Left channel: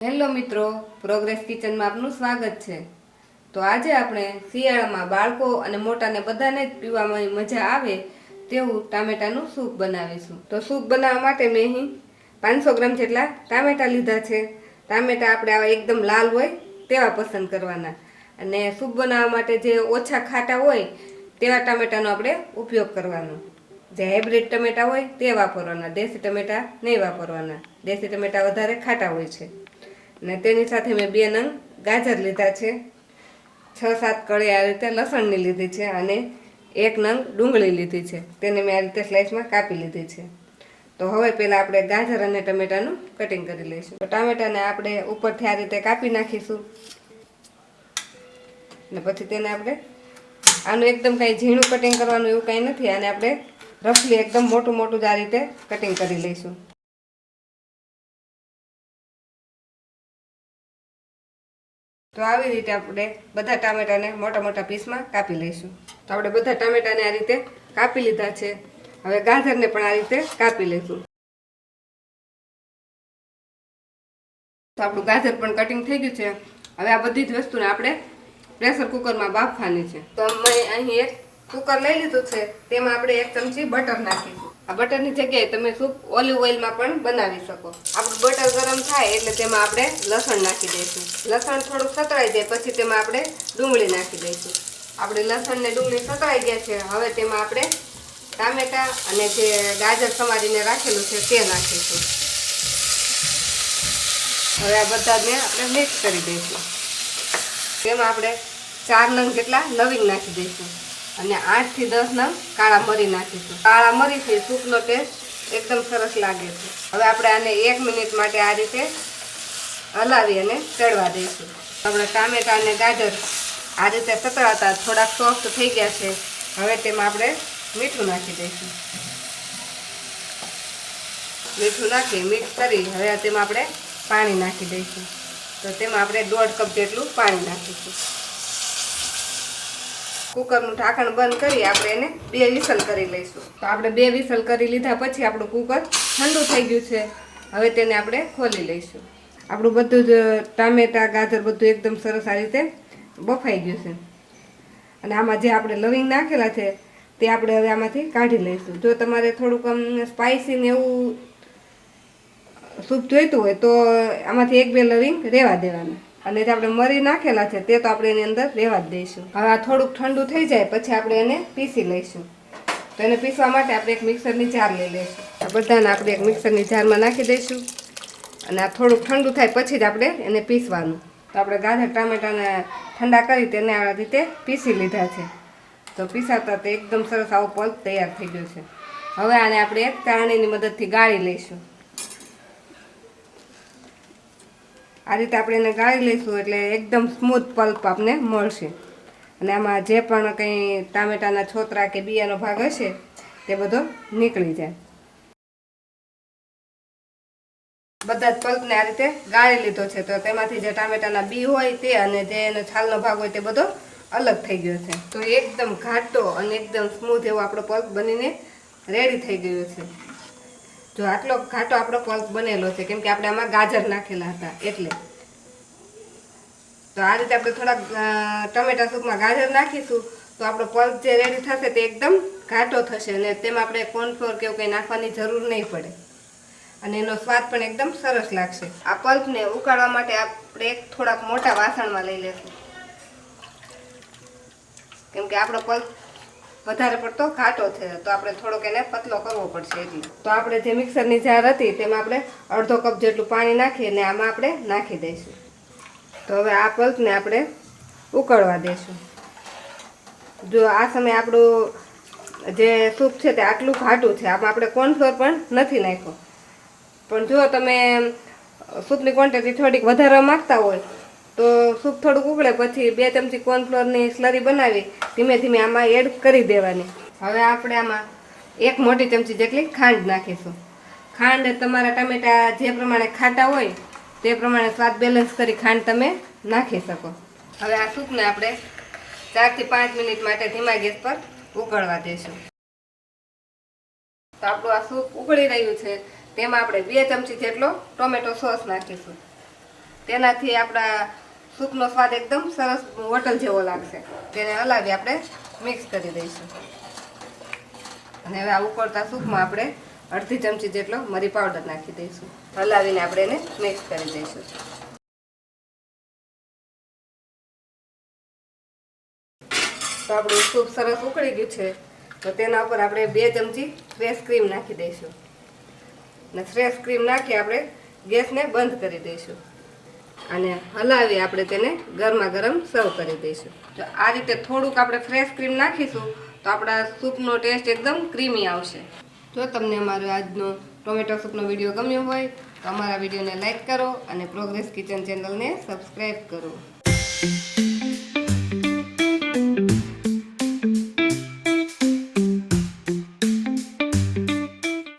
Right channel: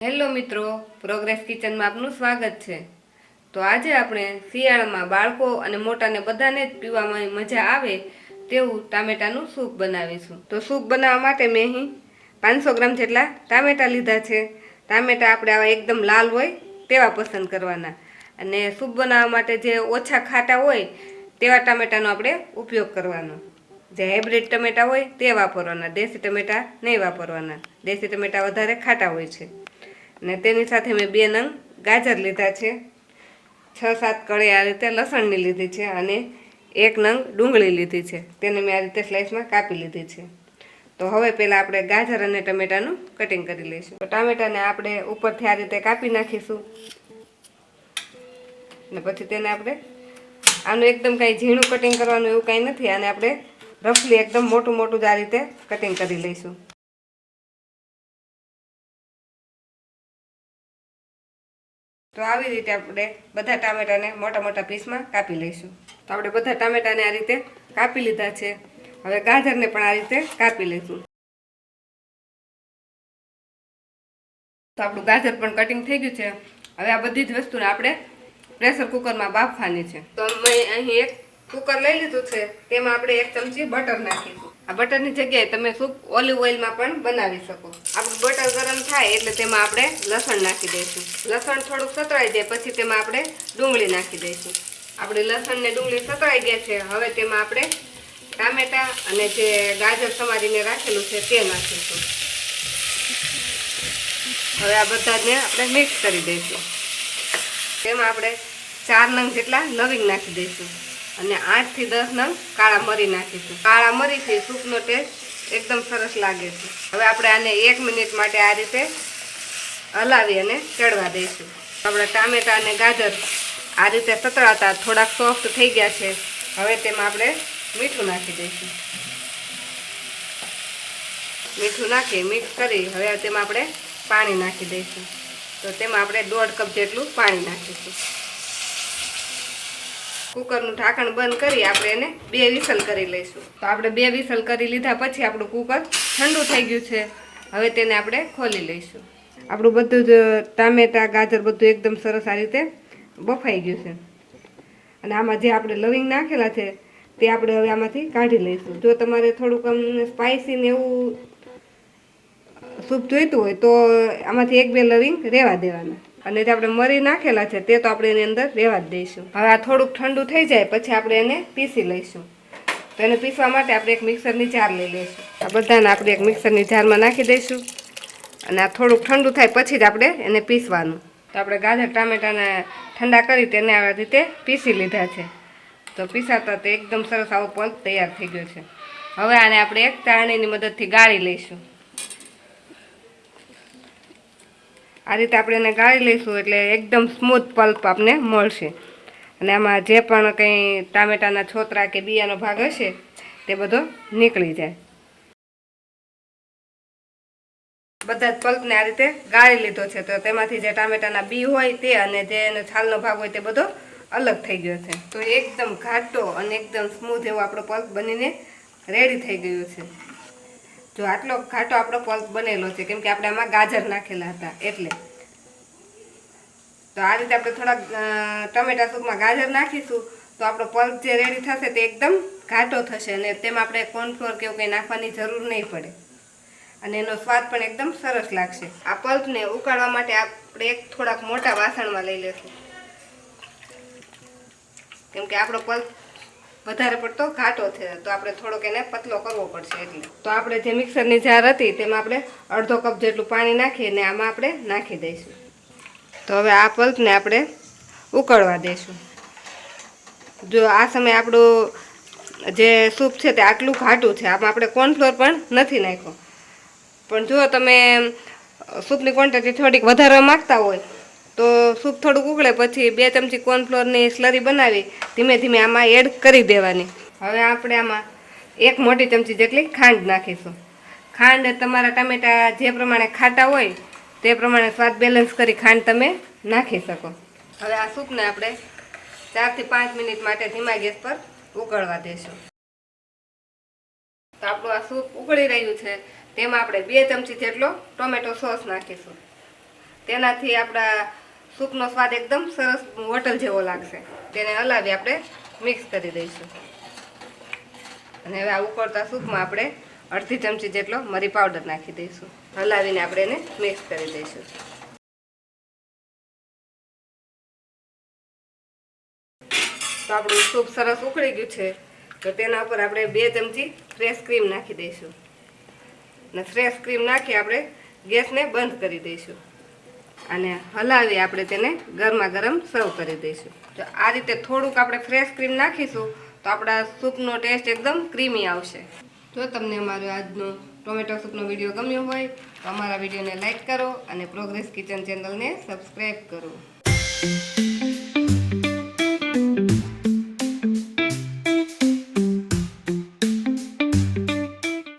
Hello મિત્રો progress કિચનમાં આપનું સ્વાગત છે. તો આજે આપણે શિયાળામાં બાળકો અને મોટાને બધાને જ પીવામાં મજા આવે તેવું ટામેટાનું સૂપ બનાવીશું. તો સૂપ બનાવવા માટે મેં અહીં પાંચસો ગ્રામ જેટલા ટામેટા લીધા છે. ટામેટા આપણે આવા એકદમ લાલ હોય તેવા પસંદ કરવાના. અને સૂપ બનાવવા માટે જે ઓછા ખાટા હોય તેવા ટામેટાનો આપણે ઉપયોગ કરવાનો. જે હાઇબ્રિડ ટમેટા હોય તે વાપરવાના. દેશી ટમેટા નહીં વાપરવાના. દેશી ટમેટા વધારે ખાટા હોય છે. ને તેની સાથે મેં બે નંગ ગાજર લીધા છે. છ સાત કળી આ રીતે લસણની લીધી છે અને એક નંગ ડુંગળી લીધી છે. તેને મેં આ રીતે સ્લાઇસમાં કાપી લીધી છે. તો હવે પહેલાં આપણે ગાજર અને ટમેટાનું કટિંગ કરી લઈશું. તો ટામેટાને આપણે ઉપરથી આ રીતે કાપી નાખીશું. ને પછી તેને આપણે આનું એકદમ કાંઈ ઝીણું કટિંગ કરવાનું એવું કાંઈ નથી. આને આપણે રફલી એકદમ મોટું મોટું જ આ રીતે કટિંગ કરી લઈશું. તો આવી રીતે આપણે બધા ટામેટાને મોટા મોટા પીસમાં કાપી લઈશું. તો આપણે બધા ટામેટાને આ રીતે કાપી લીધા છે. હવે ગાજરને પણ આ રીતે કાપી લઈશું. તો આપણું ગાજર પણ કટિંગ થઈ ગયું છે. હવે આ બધી જ વસ્તુને આપણે પ્રેશર કુકરમાં બાફવાની છે. તો મેં અહીં એક કુકર લઈ લીધું છે. તેમાં આપણે એક ચમચી બટર નાખીશું. આ બટરની જગ્યાએ તમે સૂપ ઓલિવ ઓઇલમાં પણ બનાવી શકો. આપણું બટર ગરમ થાય એટલે તેમાં આપણે લસણ નાખી દઈશું. લસણ થોડુંક સતળાઈ જાય પછી તેમાં આપણે ડુંગળી નાખી દઈશું. આપણે લસણ ને ડુંગળી સતળાઈ ગયા છે. હવે તેમાં આપણે ટામેટા અને જે ગાજર સમારીને રાખેલું છે તે નાખીશું. હવે આ બધાને આપણે મિક્સ કરી દઈશું. તેમાં આપણે ચાર નંગ જેટલા લવિંગ નાખી દઈશું. અને આઠથી દસ નંગ કાળા મરી નાખીશું. કાળા મરીથી સૂપનો ટેસ્ટ એકદમ સરસ લાગે છે. હવે આપણે આને એક મિનિટ માટે આ રીતે હલાવી અને ચડવા દઈશું. આપણે ટામેટા અને ગાજર આ રીતે સતળાતા થોડાક સોફ્ટ થઈ ગયા છે. હવે તેમાં આપણે મીઠું નાખી દઈશું. મીઠું નાખી મિક્સ કરી, હવે તેમાં આપણે પાણી નાખી દઈશું. તો તેમાં આપણે દોઢ કપ જેટલું પાણી નાખીશું. કુકરનું ઢાંકણ બંધ કરી આપણે એને બે વિસલ કરી લઈશું. તો આપણે બે વિસલ કરી લીધા પછી આપણું કુકર ઠંડુ થઈ ગયું છે. હવે તેને આપણે ખોલી લઈશું. આપણું બધું જ ટામેટા, ગાજર બધું એકદમ સરસ આ રીતે બફાઈ ગયું છે. અને આમાં જે આપણે લવિંગ નાખેલા છે તે આપણે હવે આમાંથી કાઢી લઈશું. જો તમારે થોડુંક આમ સ્પાઇસી ને એવું સૂપ જોઈતું હોય તો આમાંથી એક બે લવિંગ રહેવા દેવાના. અને જે આપણે મરી નાખેલા છે તે તો આપણે એની અંદર રહેવા જ દઈશું. હવે આ થોડુંક ઠંડુ થઈ જાય પછી આપણે એને પીસી લઈશું. તો એને પીસવા માટે આપણે એક મિક્સરની જાર લઈ લઈશું. આ બધાને આપણે એક મિક્સરની જારમાં નાખી દઈશું. અને આ થોડુંક ઠંડુ થાય પછી જ આપણે એને પીસવાનું. તો આપણે ગાજર ટામેટાને ઠંડા કરી તેને આ રીતે પીસી લીધા છે. તો પીસાતા તે એકદમ સરસ આવો પલ્પ તૈયાર થઈ ગયો છે. હવે આને આપણે એક ચાળણીની મદદથી ગાળી લઈશું. આ રીતે આપણે એને ગાળી લઈશું એટલે એકદમ સ્મૂથ પલ્પ આપને મળશે. અને આમાં જે પણ કંઈ ટામેટાના છોતરા કે બિયાનો ભાગ હશે, તે બધો નીકળી જાય. બધા જ પલ્પને આ રીતે ગાળી લીધો છે. તો તેમાંથી જે ટામેટાના બી હોય તે અને જે એનો છાલનો ભાગ હોય તે બધો અલગ થઈ ગયો છે. તો એકદમ ઘાટો અને એકદમ સ્મૂથ એવો આપણો પલ્પ બનીને રેડી થઈ ગયો છે. જો આટલો ઘાટો આપણો પલ્પ બનેલો છે, કેમ કે આપણે આમાં ગાજર નાખેલા હતા, એટલે. તો આ રીતે આપણે થોડાક ટમેટા સૂપમાં ગાજર નાખીશું, તો આપણો પલ્પ જે રેડી થશે તે એકદમ ઘાટો થશે અને તેમાં આપણે કોર્નફ્લોર કે એવું કંઈ નાખવાની જરૂર નહીં પડે. અને એનો સ્વાદ પણ એકદમ સરસ લાગશે. આ પલ્પને ઉકાળવા માટે આપણે એક થોડાક મોટા વાસણમાં લઈ લેશું. કેમ કે આપણો પલ્પ વધારે પડતો ઘાટો છે. તો આપણે થોડોક એને પતલો કરવો પડશે એટલે. તો આપણે જે મિક્સરની જાર હતી તેમાં આપણે અડધો કપ જેટલું પાણી નાખીને આમાં આપણે નાખી દઈશું. તો હવે આ પલ્પને આપણે ઉકળવા દઈશું. જો આ સમયે આપણું જે સૂપ છે તે આટલું ઘાટું છે, આમાં આપણે કોર્નફ્લોર પણ નથી નાખ્યો. પણ જો તમે સૂપની ક્વોન્ટિટી થોડીક વધારવા માગતા હોય તો સૂપ થોડુંક ઉકળે પછી બે ચમચી કોર્નફ્લોરની સ્લરી બનાવી, ધીમે ધીમે આમાં એડ કરી દેવાની. હવે આપણે આમાં એક મોટી ચમચી જેટલી ખાંડ નાખીશું. ખાંડ તમારા ટામેટા જે પ્રમાણે ખાટા હોય, તે પ્રમાણે સ્વાદ બેલેન્સ કરી ખાંડ તમે નાખી શકો. હવે આ સૂપને આપણે ચારથી પાંચ મિનિટ માટે ધીમા ગેસ પર ઉકળવા દઈશું તો આપણું આ સૂપ ઉકળી રહ્યું છે. તેમાં આપણે બે ચમચી જેટલો ટોમેટો સોસ નાખીશું. તેનાથી આપણા સૂપનો સ્વાદ એકદમ સરસ હોટલ જેવો લાગશે. તેને હલાવી આપણે મિક્સ કરી દઈશું. અને હવે આ ઉકળતા સૂપમાં આપણે અડધી ચમચી જેટલો મરી પાવડર નાખી દઈશું. હલાવીને આપણે એને મિક્સ કરી દઈશું. તો આપણું સૂપ સરસ ઉકળી ગયું છે. તો તેના ઉપર આપણે બે ચમચી ફ્રેશ ક્રીમ નાખી દઈશું. અને ફ્રેશ ક્રીમ નાખી આપણે ગેસને બંધ કરી દઈશું. અને હલાવી આપણે તેને ગરમા ગરમ સર્વ કરી દઈશું. તો આ રીતે થોડુંક આપણે ફ્રેશ ક્રીમ નાખીશું તો આપણા સૂપનો ટેસ્ટ એકદમ ક્રીમી આવશે. જો તમને અમારો આજનો ટોમેટો સૂપનો વીડિયો ગમ્યો હોય, તો અમારા વિડીયોને લાઇક કરો અને પ્રોગ્રેસ કિચન ચેનલને સબસ્ક્રાઈબ કરો.